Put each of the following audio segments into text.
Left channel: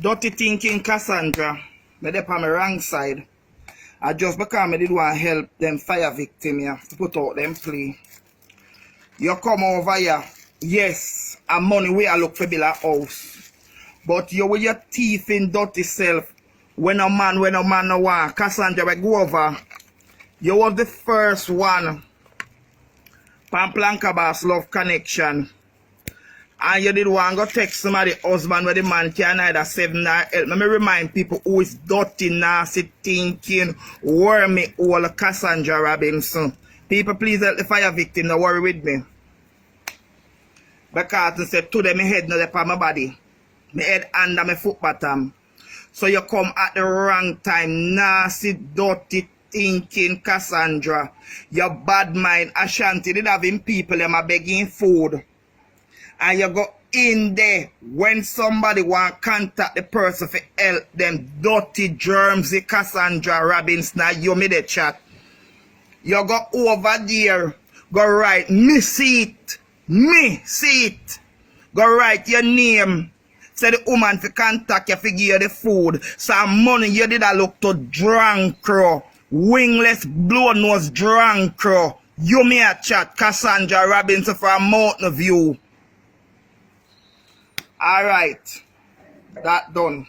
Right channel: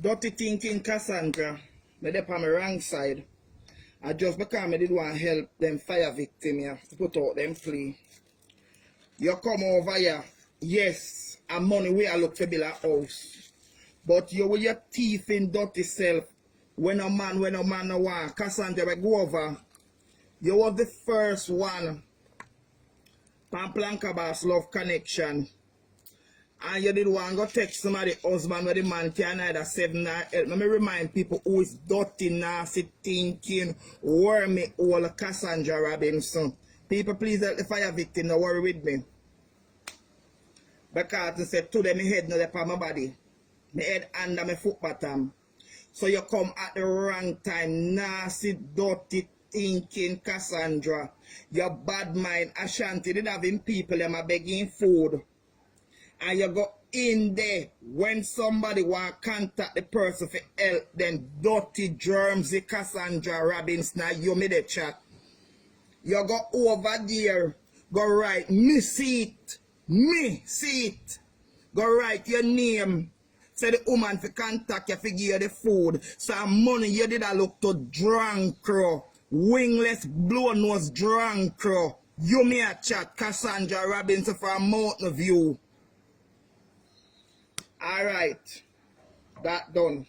Dirty thinking Cassandra. Me dey on my wrong side. I just because I did want to help them fire victim here to put out them plea. You come over here. Yes, and money we are look for build a house. But you with your teeth in dirty self. When a man no want. Cassandra we go over. You was the first one. Pamplanka Boss Love Connection. And you did want to go text somebody husband where the man can either save nor help. Let me remind people who is dirty, nasty, thinking, wormy, all Cassandra Robinson. People, please help the fire victim, don't worry with me. Because I said to them, my head not upon my body. My head under my foot bottom. So you come at the wrong time, nasty, dirty, thinking Cassandra. Your bad mind, Ashanti, did having people, them are begging food. And you go in there when somebody want to contact the person for help them dirty germs, Cassandra Robinson, you made a chat. You go over there, go write me see it. Go write your name. Say the woman for contact you for give you the food. Some money you did a look to drunk crow. Wingless blow nose drunk crow. You may a chat Cassandra Robinson for a mountain view. Alright, that done.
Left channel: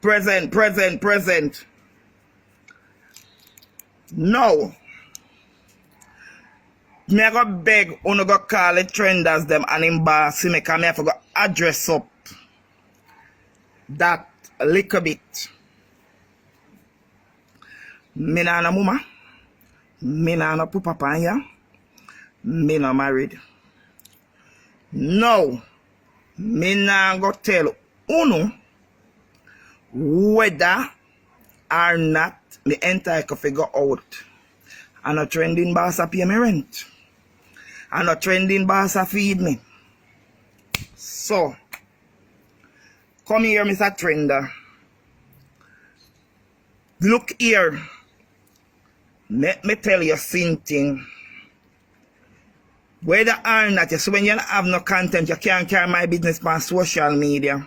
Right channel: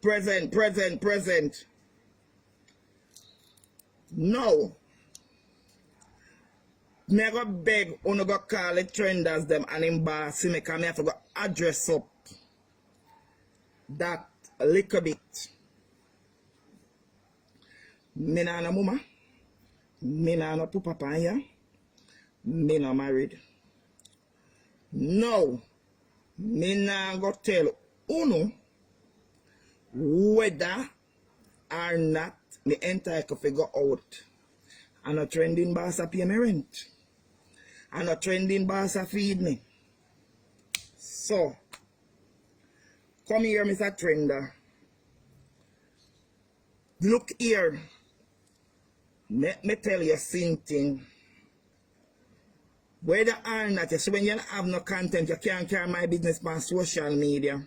Present. Now, me I go beg uno go call the trenders them and embarrass me because me have to go address up that a little bit. Me na no mama, me na no papa here, me no married. No. Me nah go tell uno whether or not me entire could figure out. And a trending boss a pay me rent. And a trending boss a feed me. So, come here, Mr. Trender. Look here. Let me tell you something. Whether or not, you see, when you don't have no content, you can't carry my business on social media.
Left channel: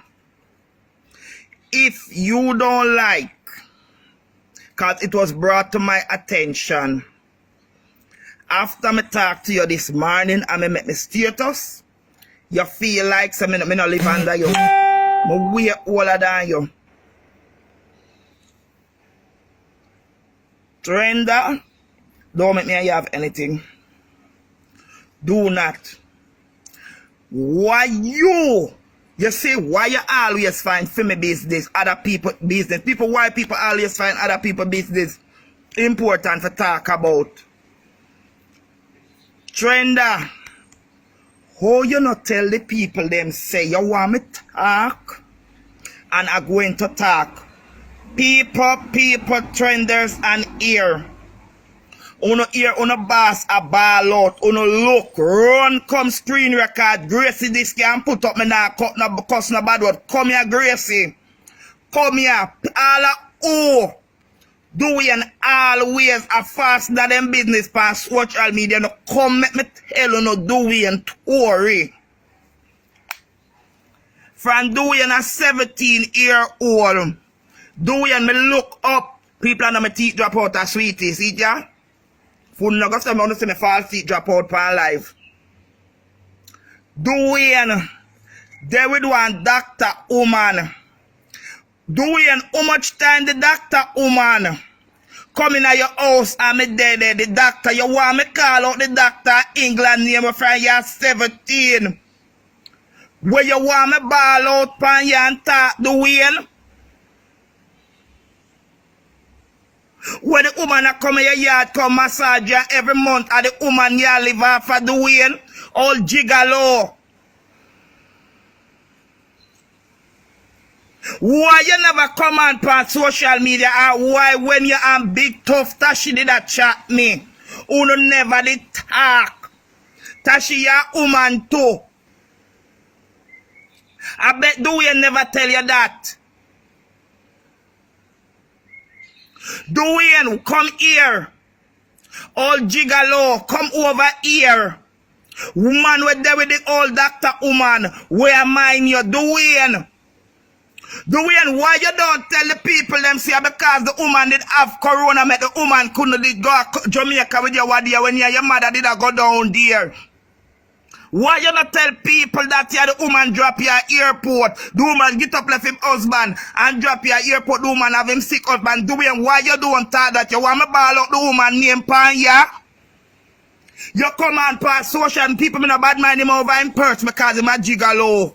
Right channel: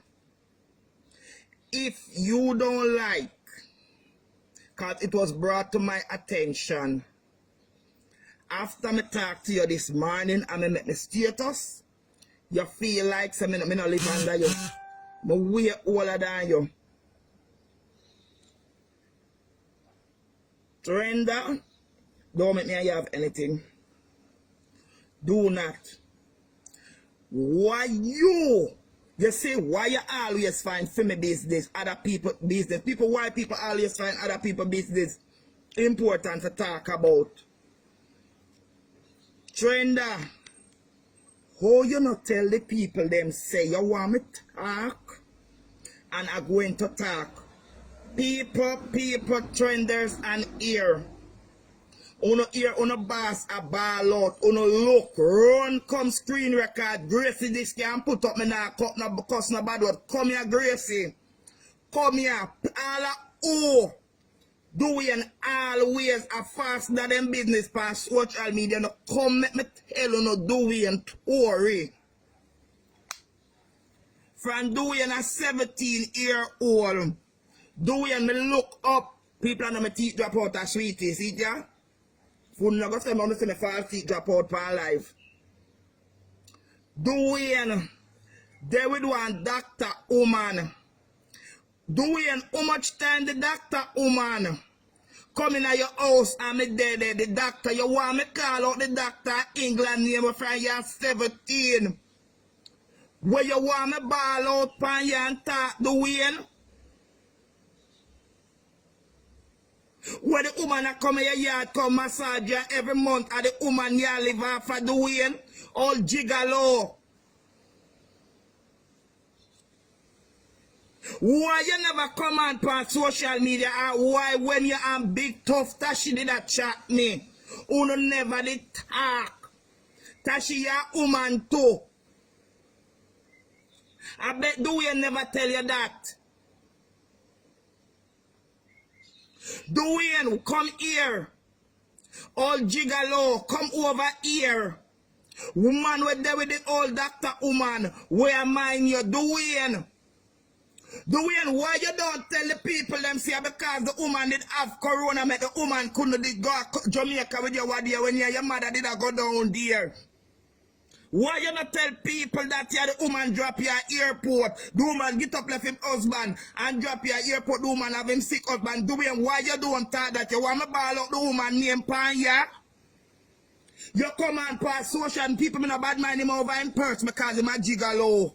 If you don't like, because it was brought to my attention, after me talk to you this morning and me make me status, you feel like so me no live under you. Me way older than you. Trender, don't make me have anything. Do not. Why you see why you always find family business, other people business. Why people always find other people business important to talk about. Trender, how you not tell the people them say you want me talk and I'm going to talk. People, trenders and ear. Uno hear uno boss a ball out, uno look, run come screen record, Gracie this can put up me now cut no cuss no bad word. Come here, Gracie. Come here. All a oh doing always a fast that them business pan social media. No come make me tell you no doing Tory. From doing a 17-year-old. Doing me look up. People on my teeth drop out a sweetie, see ya? For no go say me want to see me false teeth drop out for life. Dwayne, they would want doctor woman. Dwayne, how much time the doctor woman come in at your house and me there the doctor, you want me call out the doctor England name from year 17. Where you want me ball out pan you and talk Dwayne? When the woman a come in your yard, come massage you every month, and the woman you live off of Dwayne, all gigolo. Why you never come on social media, or why when you am big tough Tashi did that chat me? Uno never did talk. Tashi ya woman too. I bet Dwayne never tell you that. Dwayne, come here. All gigolo, come over here. Woman with there with the old doctor woman. Where mind you, Dwayne? Dwayne, why you don't tell the people them say because the woman did have corona, make the woman couldn't go Jamaica with your what when your mother did go down there? Why you not tell people that the woman drop your airport? The woman get up left him husband and drop your airport. The woman have him sick husband. Dwayne, why you don't talk that? You want me ball out the woman name pan ya? You come on past social and people me no bad mind him over in purse because him a gigolo.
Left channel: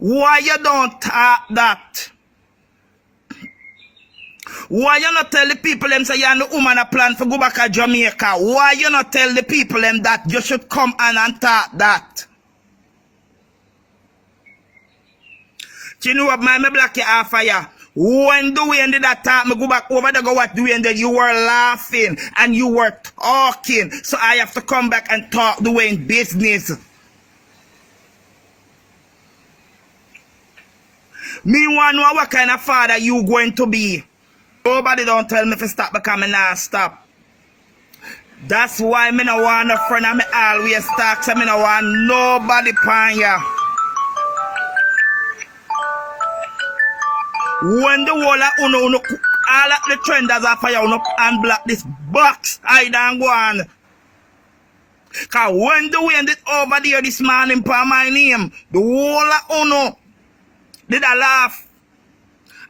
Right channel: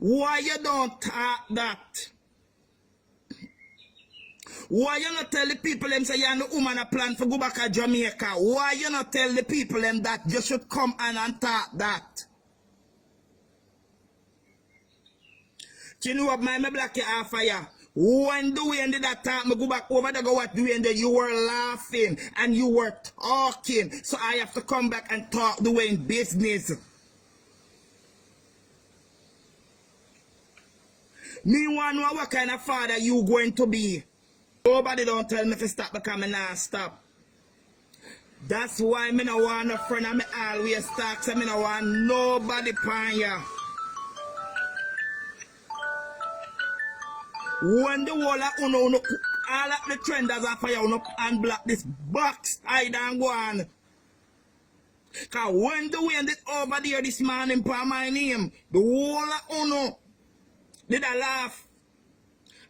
Why you don't talk that? Why you not tell the people them say you and the woman a plan for go back to Jamaica? Why you not tell the people them that you should come and talk that? You know what, my black you off fire. When Dwayne did that talk, me go back over there, go what Dwayne did, you were laughing and you were talking. So I have to come back and talk Dwayne business. Me want to know what kind of father you going to be. Nobody don't tell me to stop because I not stop. That's why me no want a friend and me always talk, so me no want nobody pan ya. When the whole of all of the trenders are fire and block this box, I don't go on. Cause when the wind is over there this morning for my name, the whole of Uno did a laugh.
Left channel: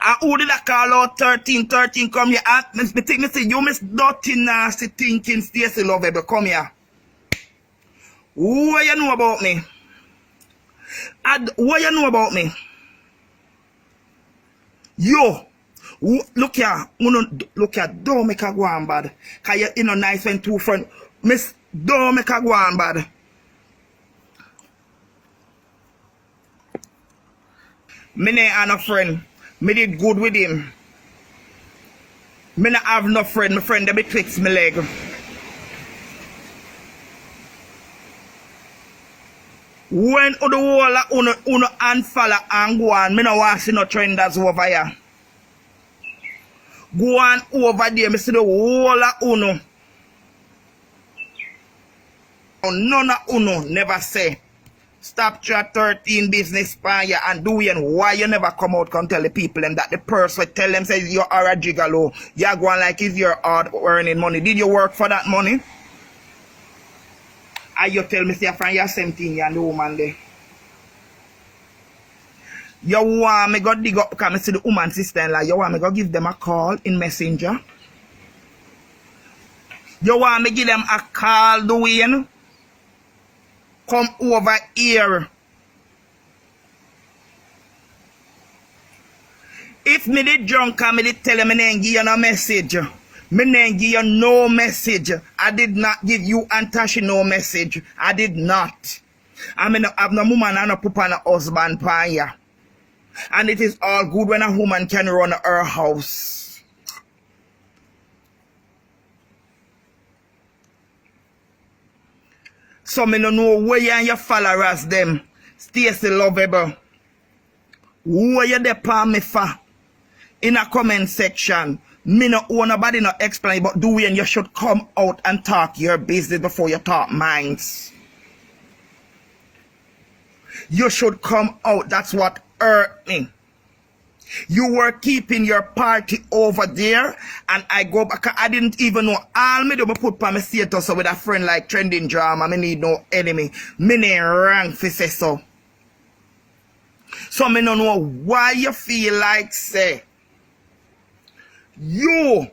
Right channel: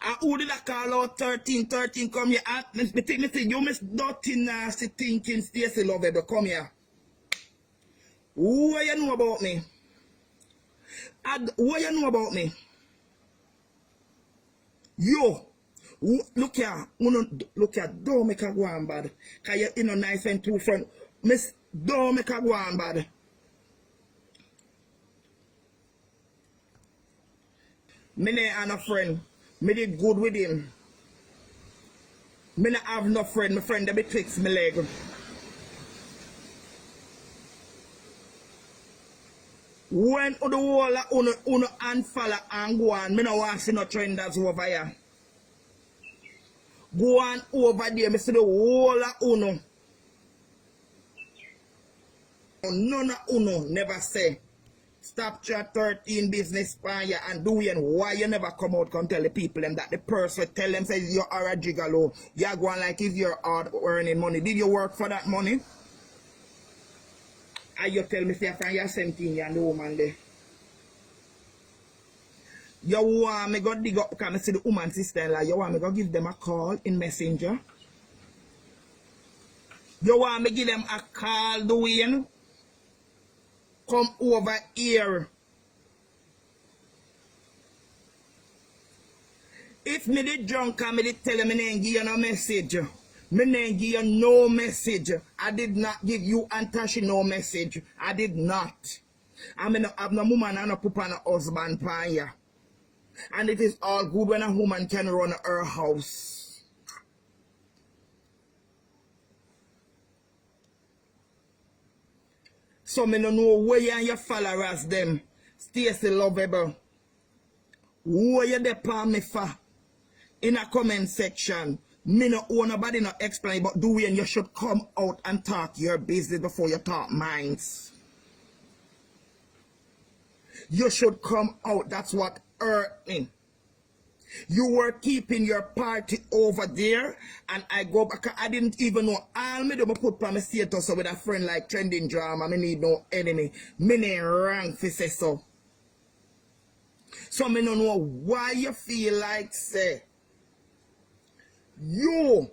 And who did I call out 13 come here? And me think me say you miss dirty nasty thinking Stacey Lovable come here. What you know about me? What you know about me? Yo, look here, look here, don't make a go on bad. Cause you know nice when two friends. Miss, don't make a go on bad. Me ne have no friend. Me did good with him. Me not have no friend. My friend they betwixt my leg. When the whole of uno unfollow and go on, me no want see no trenders over here. Go on over there, me see the whole of uno. None of uno never say stop chat 13 business pan ya and doing why you never come out come tell the people them that the person tell them says you are a gigolo. You're going like it's your hard earning money. Did you work for that money? And you tell me say from your same thing you and the woman there. You want me go dig up because I see the woman sister-in-law. You want me go give them a call in Messenger? You want me give them a call, Dwayne? Come over here. If me did drunk and me did tell them I didn't give you no message. Me didn't give you no message. I did not give you and Tashi no message. I did not. I mean, I have no woman and no papa and no husband pan ya. And it is all good when a woman can run her house. So me no know where you and your followers them. Stacey Lovable. Who are you there for me for? In a comment section. Me no own nobody no explain, but Dwayne, you should come out and talk your business before you talk minds. You should come out. That's what hurt me. You were keeping your party over there, and I go back. I didn't even know. All me do me put for my status so with a friend like Trending Drama. Me need no enemy. Me need rank for say so. So me no know why you feel like say you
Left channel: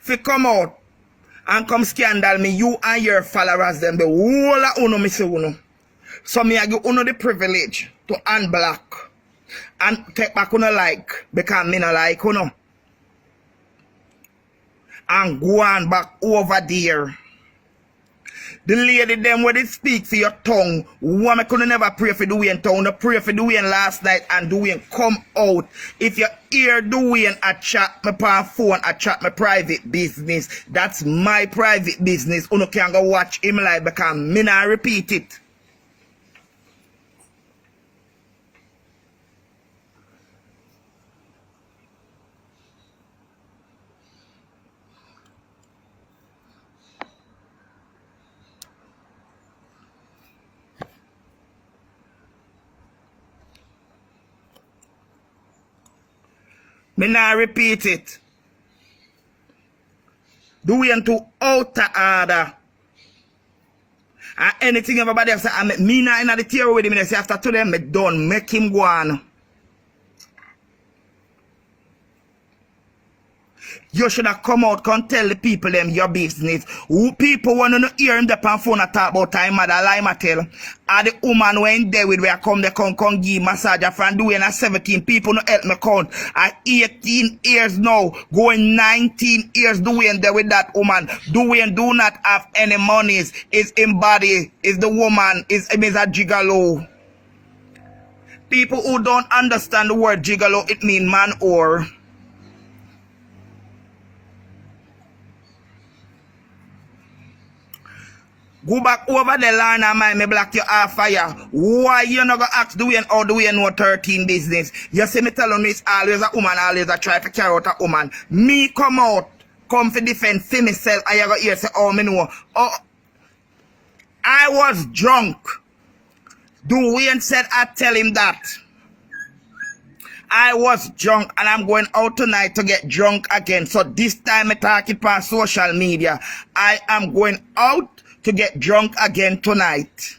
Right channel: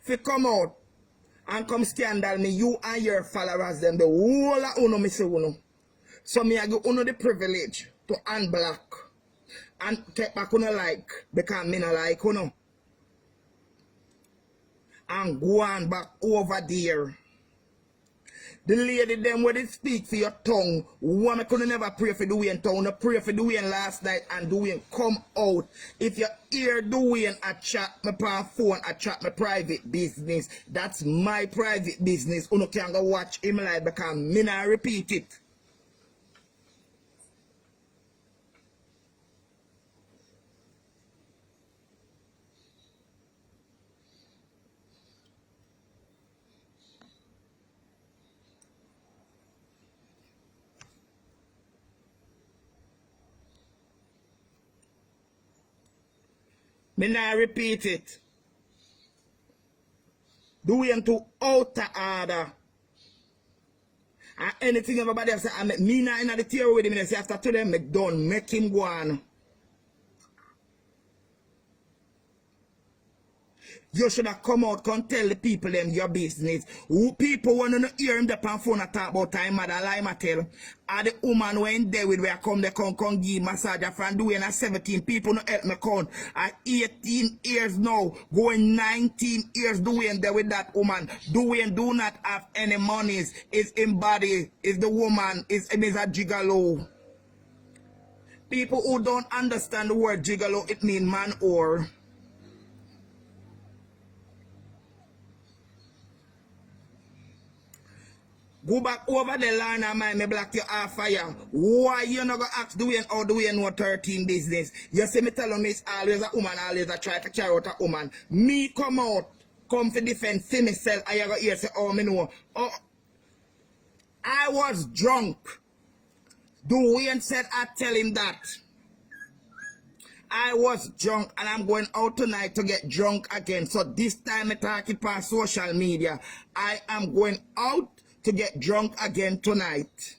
fi come out and come scandal me. You and your followers them the whole of uno me say uno. So me I give uno the privilege to unblock and take back uno like because me no like uno. And go on back over there. The lady them where they speak for your tongue, woman could never pray for Dwayne tongue. No pray for Dwayne last night and Dwayne come out. If you hear Dwayne a chat my pa phone, a chat my private business, that's my private business. Uno can go watch him live because me not repeat it. Me now repeat it. Dwayne to outer order. And anything everybody else say, me not in the theory with him, I say after today, me done, make him go on. You should have come out, come tell the people them your business. Who people want to hear him the phone and talk about time mother lie my tell. And the woman when there with where come they come give massage from doing at 17 people no help me count. At 18 years now, going 19 years doing there with that woman. Doing do not have any monies. Is in body, is the woman, is a gigolo. People who don't understand the word gigolo, it mean man or. Go back over the line and mind me black you off fire. Why you not gonna ask Dwayne how Dwayne know 13 business? You see me telling me it's always a woman, always a try to carry out a woman. Me come out, come for defend for myself, and you go here say, oh me know. Oh, I was drunk. Dwayne said I tell him that. I was drunk and I'm going out tonight to get drunk again. So this time I talk it on social media. I am going out to get drunk again tonight.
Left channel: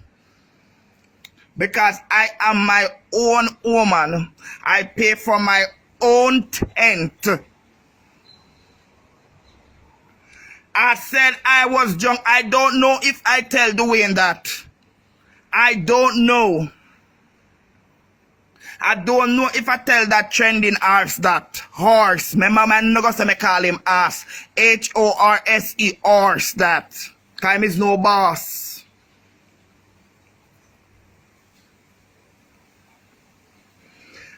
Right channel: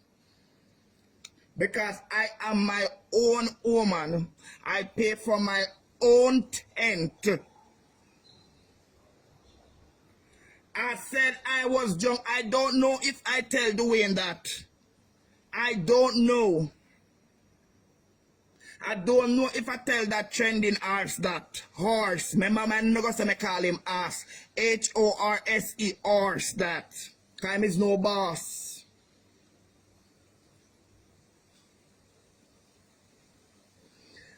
Because I am my own woman. I pay for my own tent. I said I was drunk. I don't know if I tell Dwayne that. I don't know. I don't know if I tell that trending horse that. Horse. Remember man no go say me call him ass. H-O-R-S-E horse that. Time is no boss.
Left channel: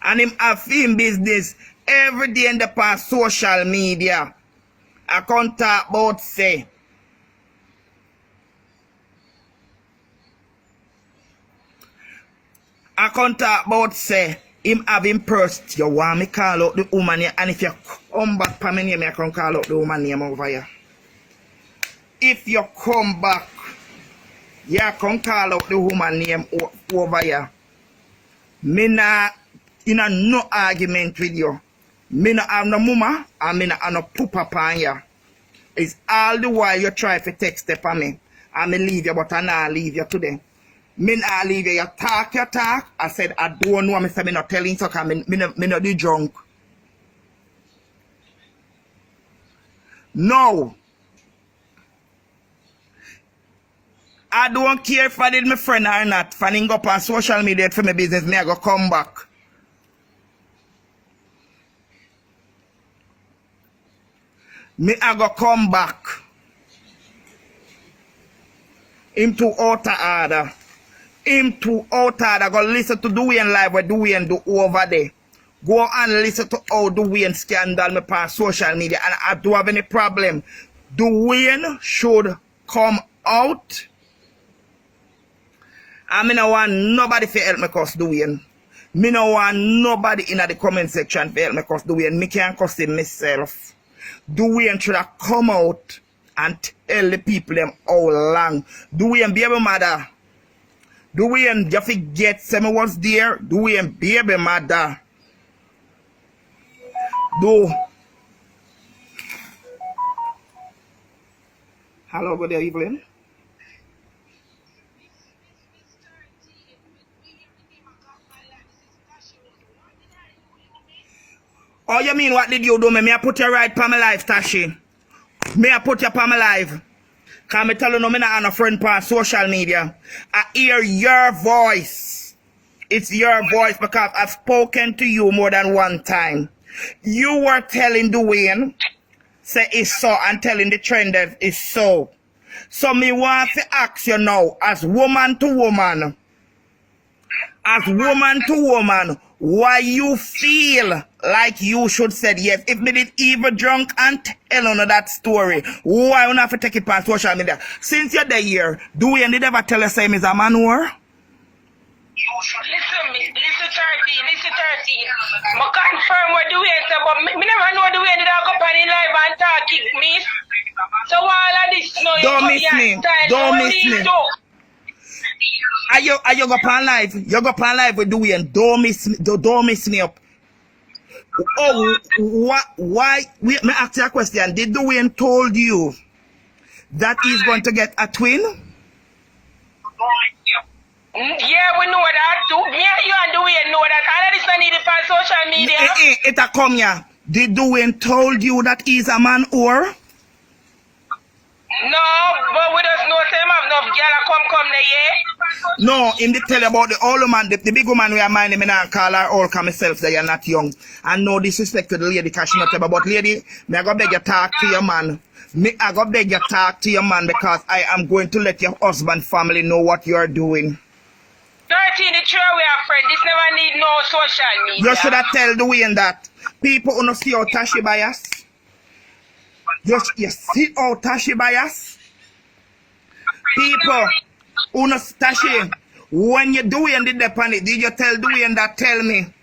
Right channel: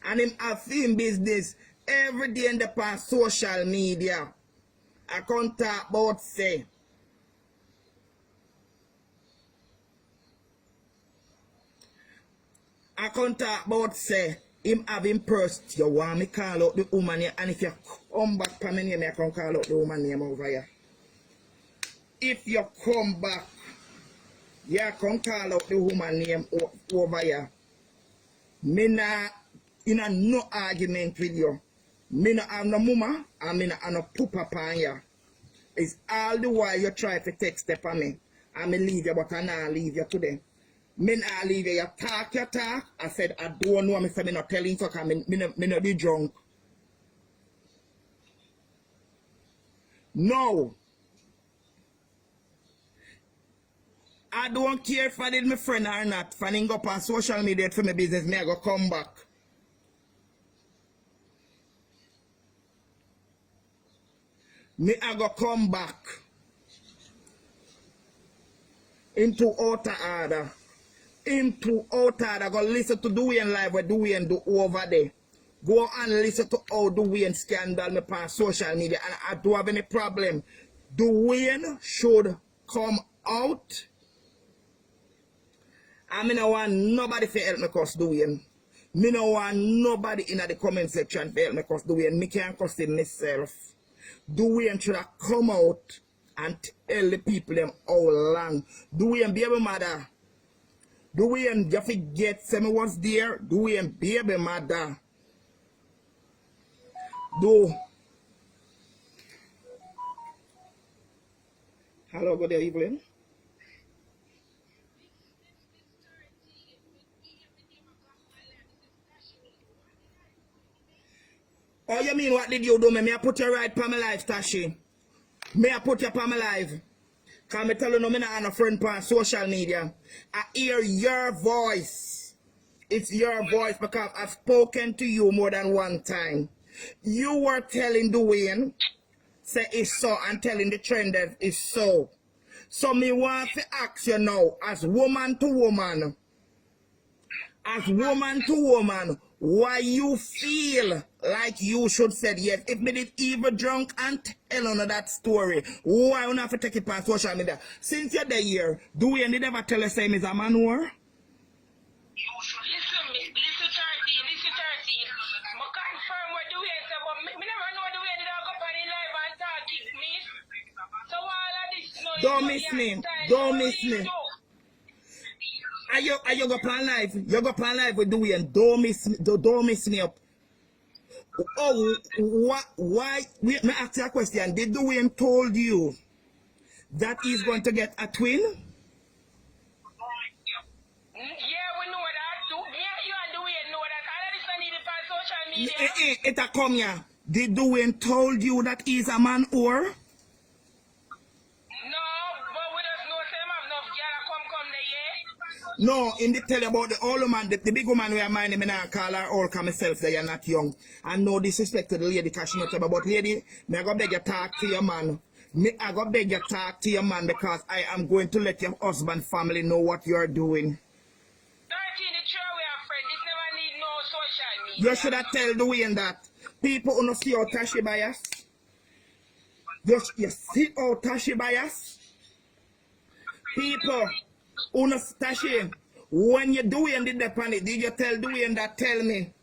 And him have film business every day in the past social media. I can't talk about say. I can't talk about say. Him have him first. You want me call out the woman here. And if you come back for me name, I can call out the woman name over here. If you come back, you can call out the woman name over here. Me not in a no argument with you. Me not have no mama and me not have no poopa upon you. It's all the while you try to text it for me. And me leave you, but I not leave you today. Me not leave you. You talk. I said, I don't know. I said, me not telling you, because me not be drunk. No. I don't care if I did my friend or not. Fanning up on social media for my business, me I go come back. Me I go come back. Him to outer order. Him to outer order. Go listen to Dwayne live what Dwayne do over there. Go and listen to how Dwayne scandal me on social media. And I don't have any problem. Dwayne should come out. I mean, I want nobody to help me cuss Dwayne. Me no want nobody in the comment section to help me cuss Dwayne. Me can't cuss him myself. Dwayne should have come out and tell the people them how long. Dwayne baby mother. Dwayne, you forget say me was there. Dwayne baby mother. Do. Hello, good evening. Oh, you mean what did you do? Me I put you right for my life, Tashi. Me I put you for my life. Because me tell you no, me not have a friend on social media. I hear your voice. It's your voice because I've spoken to you more than one time. You were telling Dwayne, say it's so, and telling the trend that it's so. So me want to ask you now, as woman to woman, why you feel like you should said yes? If me did even drunk and tell on that story, why you not have to take it on social media? Since you're there, Dwayne did ever tell us him is a manure? Listen 13. I confirm what Dwayne said, but me never know Dwayne did go on in live and talk kick me. So all of this, you know, Don't miss me. Don't miss me. Are you go on live? You go on live with Dwayne. Don't miss me up. Oh, what? Why? Wait, me ask you a question. Did Dwayne told you that he's going to get a twin? Yeah, we know that too. Me and you and Dwayne know that. All of this I need it on social media. It a come here. Did Dwayne told you that he's a man or? No, but we just know same have enough girl come there, yeah. No, him did tell you about the old man, the big woman we are minding me now call her old call myself that you're not young. And no disrespect to the lady because she not tell about lady, me I go beg you talk to your man. Me I go beg you talk to your man because I am going to let your husband family know what you're doing. 13, the true we are friends. This never need no social media. You should have tell Dwayne that people who don't see how Tashi bias. You see how Tashi bias? People who don't Tashi, when you Dwayne did the panic, did you tell Dwayne that tell me? No,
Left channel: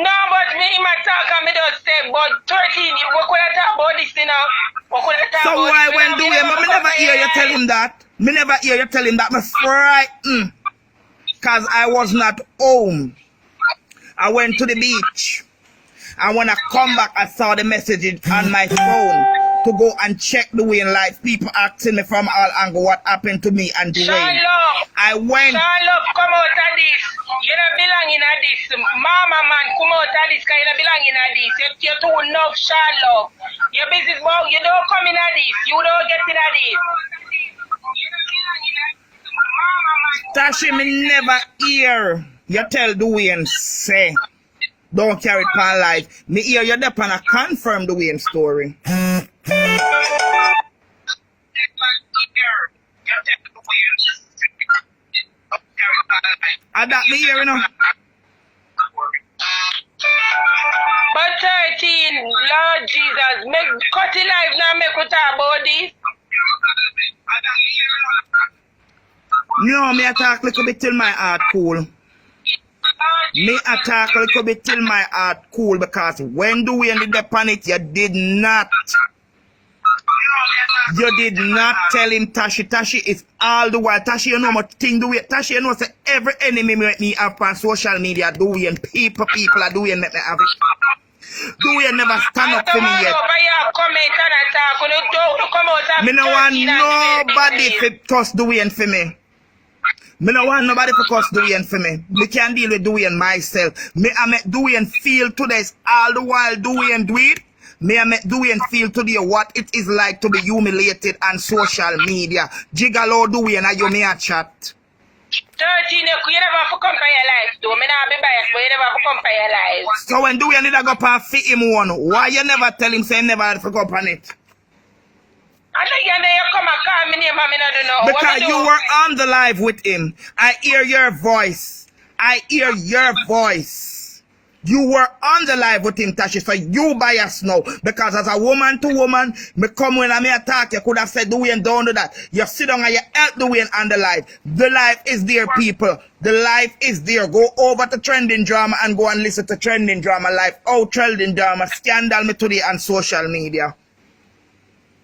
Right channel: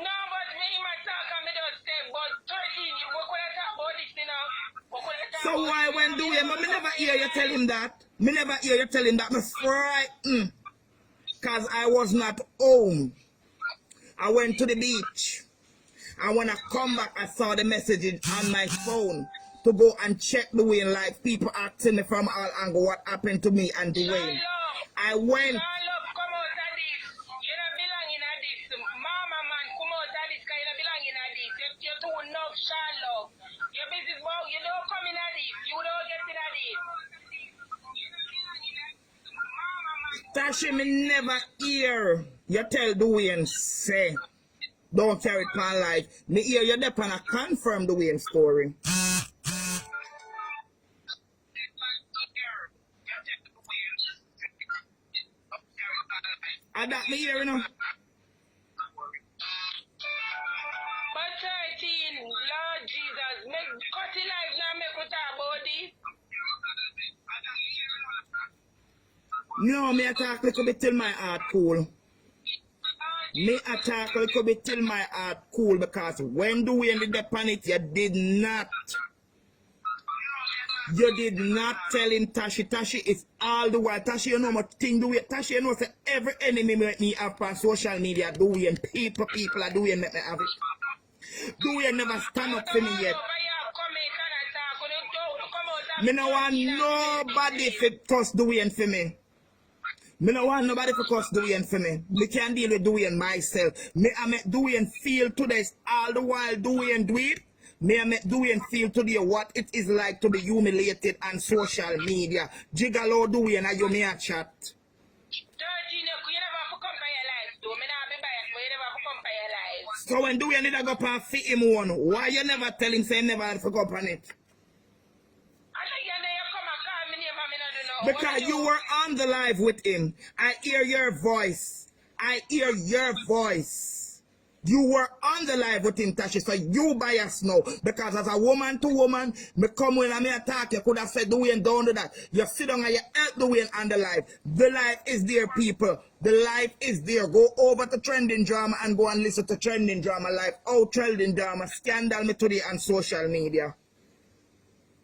but me in my talk and me just say, but 13, you could have talk about this, you know. So why when Dwayne, but me never hear you tell him that. Me never hear you tell him that. Me frightened. Because I was not home. I went to the beach. And when I come back, I saw the message on my phone to go and check Dwayne life. People asking me from all angles what happened to me and Dwayne. Charlotte, I went. Charlotte, come out of this. You don't belong in this. Mama man, come out of this because you don't belong in this. You're too enough, Charlotte. Your business, boy, you don't come in this. You don't get in this. Tashi, me never hear you tell Dwayne say don't carry it on life. Me hear you dep on a confirm Dwayne story. I that me hear you know. But 13, Lord Jesus, make cut it life now, make we talk about this. No, me attack a little bit till my heart cool. Me attack a little bit till my heart cool because when Dwayne did the panic, you did not tell him Tashi. Tashi is all the while. Tashi, you know much thing Dwayne. Tashi, you know say every enemy make me have on social media. Dwayne, people are Dwayne make me have it. Dwayne never stand up for me yet. Me no want nobody to trust Dwayne for me. Me no want nobody to trust Dwayne for me. Me can deal with Dwayne myself. Me I make Dwayne feel today all the while Dwayne do it. Me I make Dwayne feel today what it is like to be humiliated on social media. Gigolo Dwayne, are you me a chat? 13, you never have to compare your life, though. Me not be biased, but you never have to compare your life. So when Dwayne did I go up and fit him one, why you never tell him say he never had to go up on it? I think you come and call me name and me not do know. Because you were on the live with him. I hear your voice. I hear your voice. You were on the live with him, Tashi, so you bias now. Because as a woman to woman, me come when I may attack, you could have said Dwayne don't do that. You sit down and you help Dwayne on the live. The live is there, people. The live is there. Go over to Trending Drama and go and listen to Trending Drama live. Oh, Trending Drama, scandal me today on social media.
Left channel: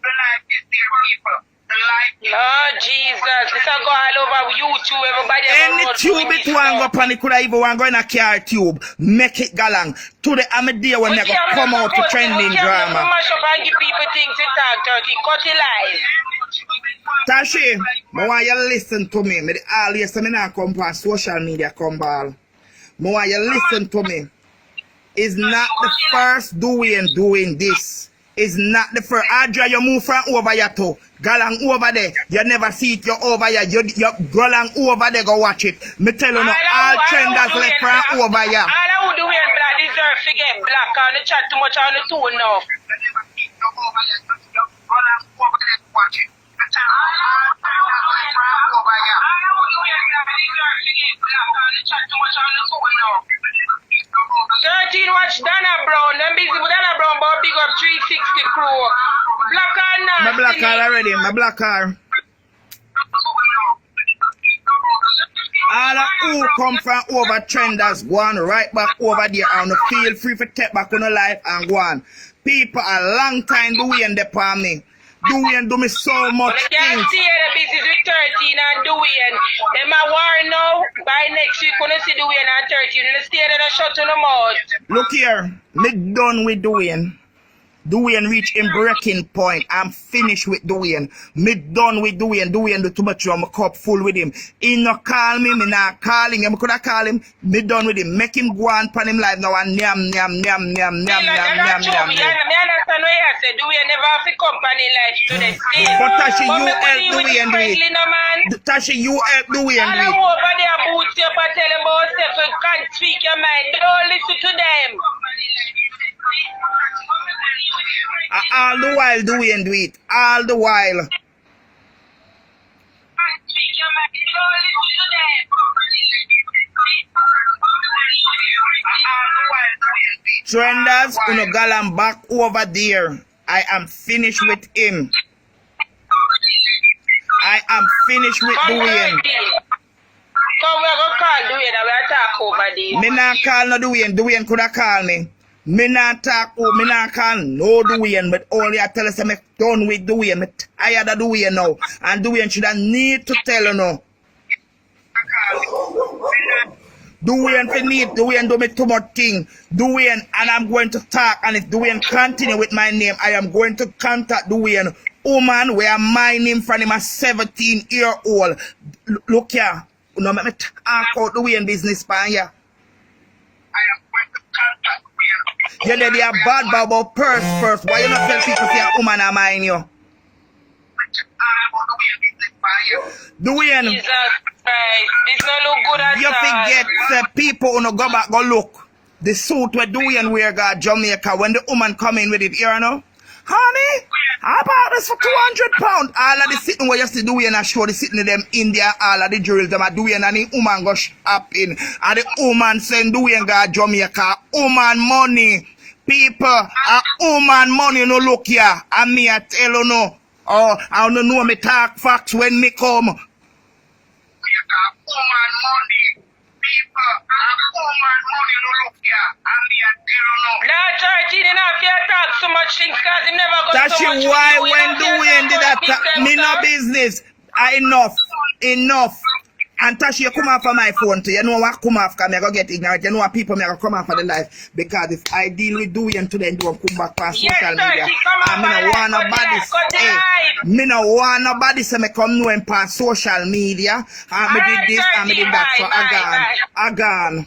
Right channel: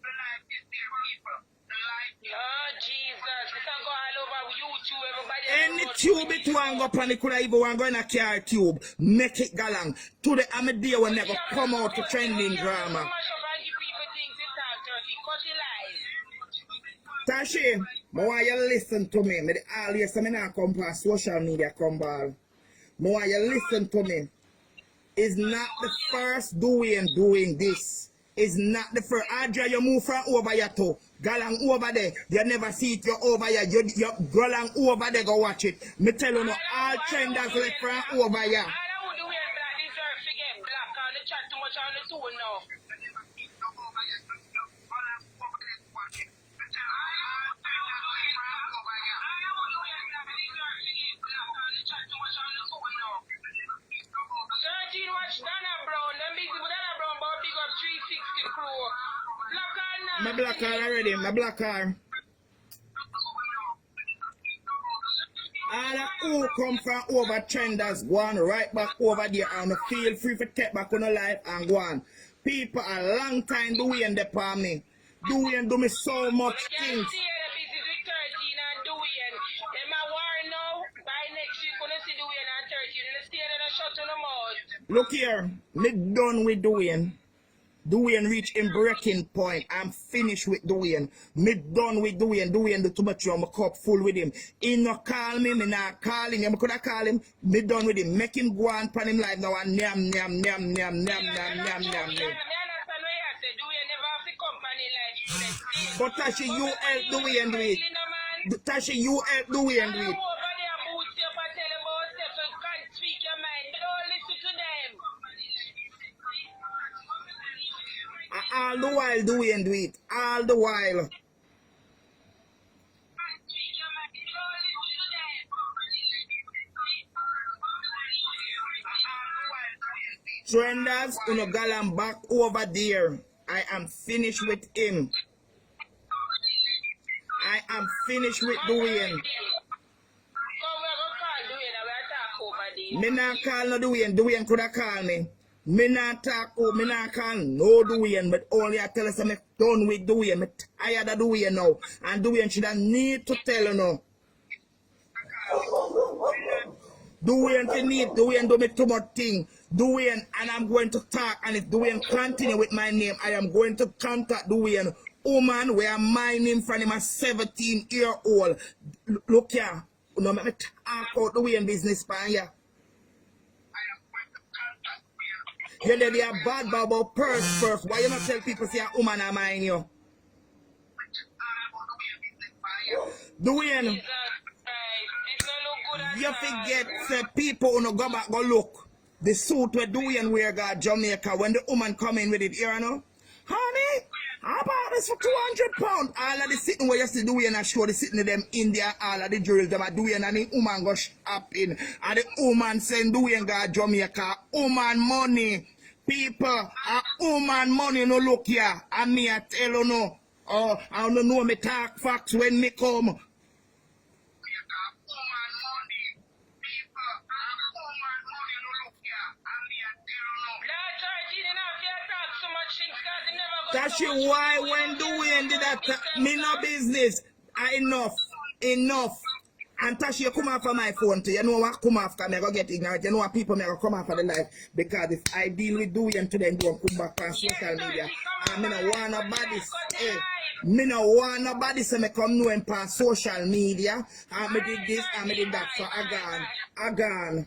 The life is there, people. The life. Lord Jesus, this will go all over YouTube. Everybody. Any tube it want go up and it could have even want go in a car tube. Make it galang. Today I'm a day when they go come out to Trending Drama. Mash up and give people things to talk, Turkey. Cut it live. Tashi, I want you listen to me. Me always say me not come on social media come ball. I want you listen to me. It's not the first Dwayne doing this. It's not the first. Adria, you move from over here to Galang over there. You never see it, you're over here. You Galang over there, go watch it. Me tell you now, all trenders left from over here. All I would do is black deserve to get black on the chat too much on the tune now. Watch Dana Brown. I'm busy with Dana Brown, but big up 360 crew. Black car now. My black car already. My black car. All of who come from over trenders go on right back over there and feel free to take back on the life and go on. People a long time Dwayne depend me. Dwayne do me so much things. You can see the business with 13 and Dwayne. Them a war now by by next week, when you see Dwayne and 30, you need to stay there and shut on the mouth. Look here, me done with Dwayne. Dwayne reach in breaking point. I'm finished with Dwayne. Me done with Dwayne. Dwayne do too much on my cup full with him. He not call me, me not calling him. Could I call him? Me done with him. Make him go on pan him live now and nyam nyam nyam nyam nyam nyam nyam nyam. Me understand what you said. Dwayne never have a company life today. But Tashi, you help Dwayne do it. Tashi, you help Dwayne do I don't it. know about their boots up and tell them about yourself. You can't speak your mind. Don't listen to them. All the while Dwayne do it. All the while. Trenders, uno galan back over there. I am finished with him. I am finished with Dwayne. Come, we're going to call Dwayne and we'll talk over this. Me not call no Dwayne. Dwayne could have called me. Me not talk, me not call no Dwayne, but only I tell us I'm done with Dwayne. Me tired of Dwayne now. And Dwayne should have need to tell you now. Dwayne for need, Dwayne do me too much thing. Dwayne, and I'm going to talk, and if Dwayne continue with my name, I am going to contact Dwayne. Woman, we are mining from him a 17-year-old. Look here, you know, me talk out Dwayne business pan here. You know they are bad about purse first. Why you not tell people say a woman a mine you? Dwayne, Jesus Christ, this don't look good at you all. forget the people who no go back go look. The suit where Dwayne wear got Jamaica when the woman come in with it, you know? Honey, I bought this for £200. All of the sitting where you see Dwayne and show the sitting of them India, all of the jewels them are Dwayne and the woman go shopping. And the woman send Dwayne got Jamaica. Woman money. People, a woman money no look here. And me I tell you no. Oh, I don't know me talk facts when me come. So much things because he never got That's so much why money. when Dwayne did that, me no business. Enough. And Tashi, you come off of my phone too. You know what come off because I go get ignorant. You know what people may go come off of the life. Because if I deal with Dwayne today, don't come back on social media. And me no want nobody. Hey, me no want nobody say me come know him on social media. And me did this and me did that. So I gone.